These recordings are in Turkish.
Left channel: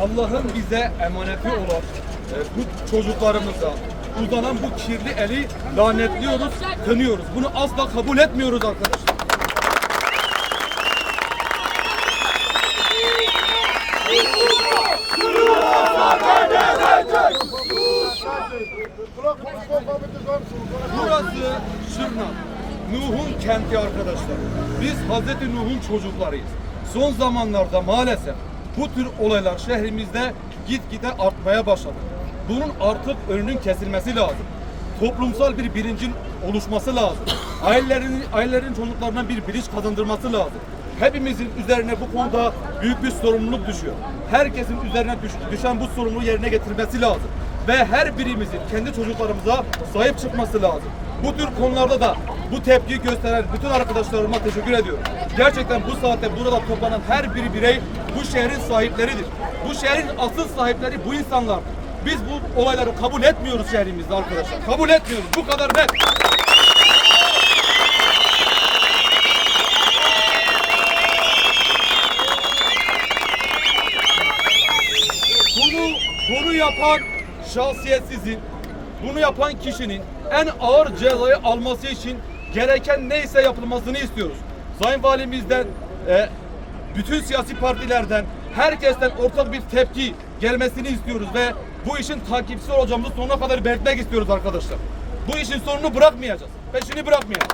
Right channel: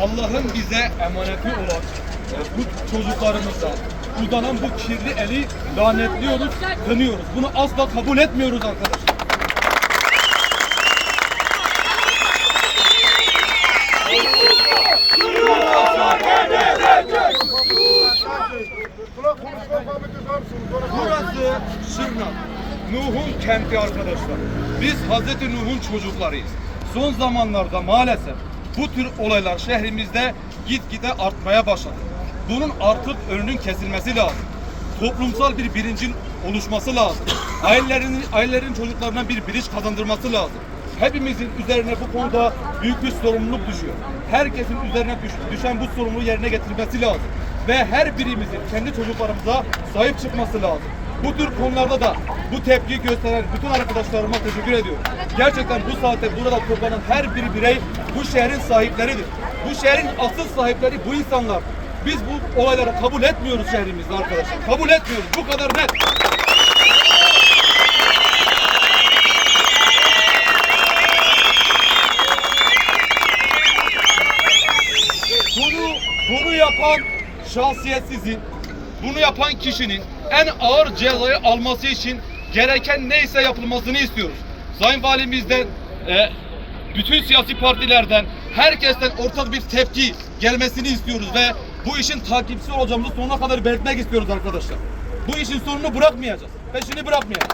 Allah'ın bize emaneti olan e, bu çocuklarımıza uzanan bu kirli eli lanetliyoruz, kınıyoruz. Bunu asla kabul etmiyoruz arkadaşlar. Burası Şırnak. Nuh'un kenti arkadaşlar. Biz Hazreti Nuh'un çocuklarıyız. Son zamanlarda maalesef bu tür olaylar şehrimizde gitgide artmaya başladı. Bunun artık önünün kesilmesi lazım. Toplumsal bir bilincin oluşması lazım. Ailelerin, ailelerin çocuklarına bir bilinç kazandırması lazım. Hepimizin üzerine bu konuda büyük bir sorumluluk düşüyor. Herkesin üzerine düş- düşen bu sorumluluğu yerine getirmesi lazım. Ve her birimizin kendi çocuklarımıza sahip çıkması lazım. Bu tür konularda da bu tepkiyi gösteren bütün arkadaşlarıma teşekkür ediyorum. Gerçekten bu saatte burada toplanan her bir birey bu şehrin sahipleridir. Bu şehrin asıl sahipleri bu insanlar. Biz bu olayları kabul etmiyoruz şehrimizde arkadaşlar. Kabul etmiyoruz. Bu kadar net. Bunu, bunu yapan şahsiyet sizin. Bunu yapan kişinin en ağır cezayı alması için gereken neyse yapılmasını istiyoruz. Sayın Valimizden, e, bütün siyasi partilerden, herkesten ortak bir tepki gelmesini istiyoruz ve bu işin takipçisi olacağımızı sonuna kadar belirtmek istiyoruz arkadaşlar. Bu işin sonunu bırakmayacağız. Peşini bırakmayacağız.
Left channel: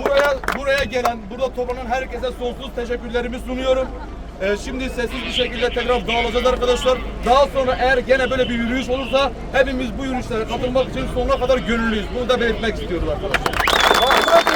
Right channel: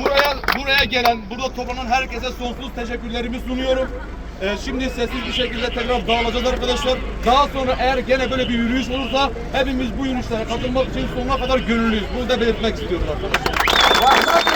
Buraya buraya gelen, burada toplanan herkese sonsuz teşekkürlerimi sunuyorum. Ee, şimdi sessiz bir şekilde tekrar dağılacağız arkadaşlar. Daha sonra eğer gene böyle bir yürüyüş olursa hepimiz bu yürüyüşlere katılmak için sonuna kadar gönüllüyüz. Bunu da belirtmek istiyorum arkadaşlar.